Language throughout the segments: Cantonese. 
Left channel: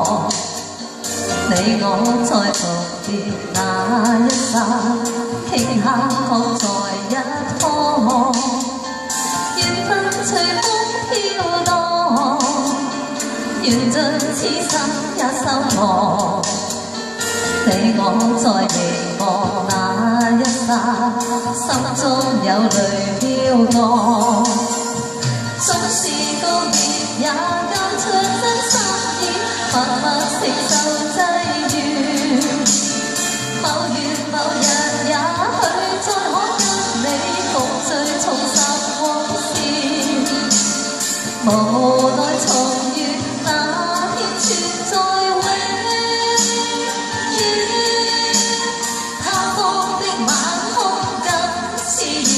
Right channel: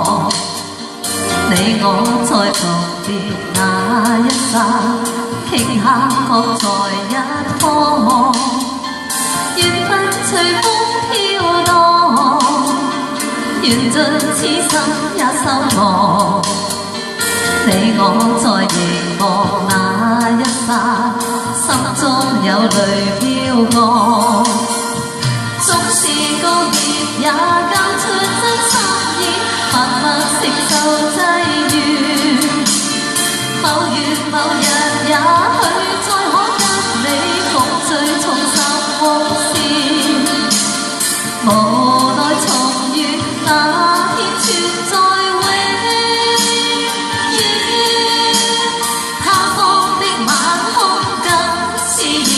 望，你我在重疊那一剎，傾下各在一方，緣分隨風飄蕩，緣盡此生也收穫。你我在凝望那一剎，心中有淚飄過。縱是告別，也交出真心意，默默承受際遇。某月某日，也許再可跟你共聚重拾往事。無奈重遇那天存在永遠，他方的晚空更是遙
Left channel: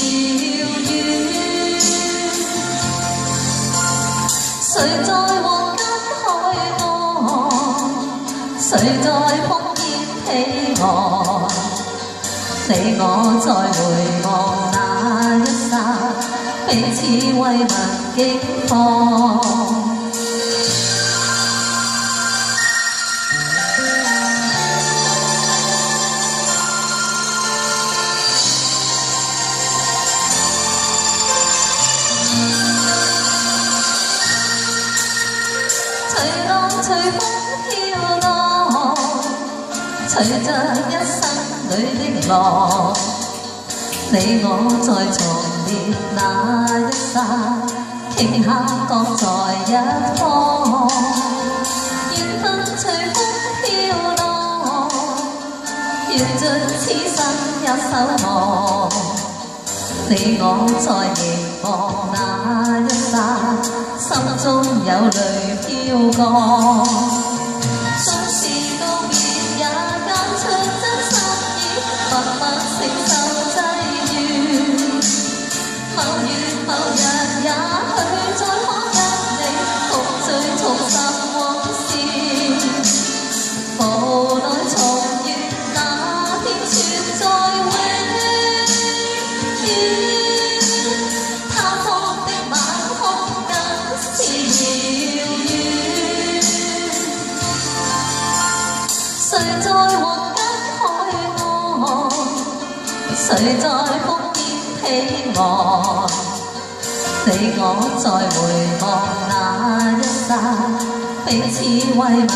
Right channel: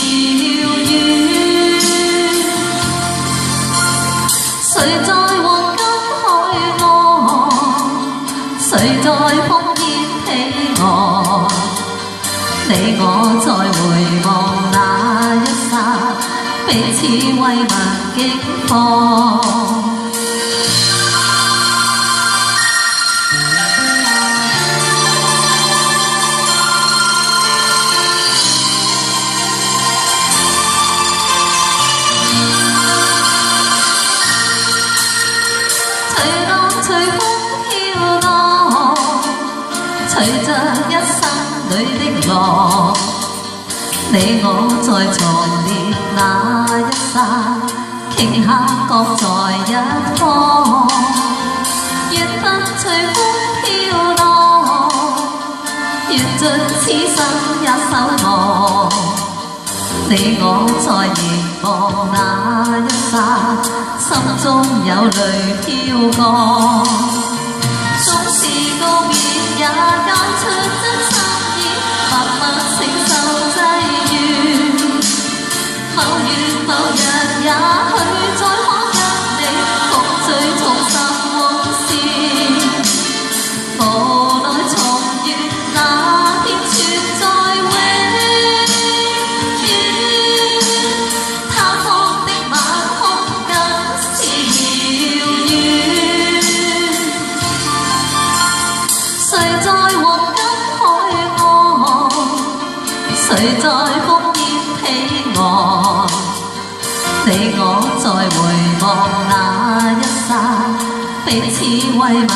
遠。誰在黃金海岸，誰在烽煙彼岸？你我在回望那一剎，彼此慰問境況。隨浪隨風飄浪，隨着一生裏的浪，你我在重疊那一剎，傾下各在一方，緣分隨風飄蕩，緣盡此生也守望。你我在凝望那一剎，心中有淚飄過。縱是告別，也交出真心意，默默承受際遇。某月某日，也許再可跟你共聚重拾往事。無奈重遇那天存在永遠，他方的晚空更是遙遠。誰在黃金海岸，誰在烽煙彼岸？你我在回望那一剎，彼此慰問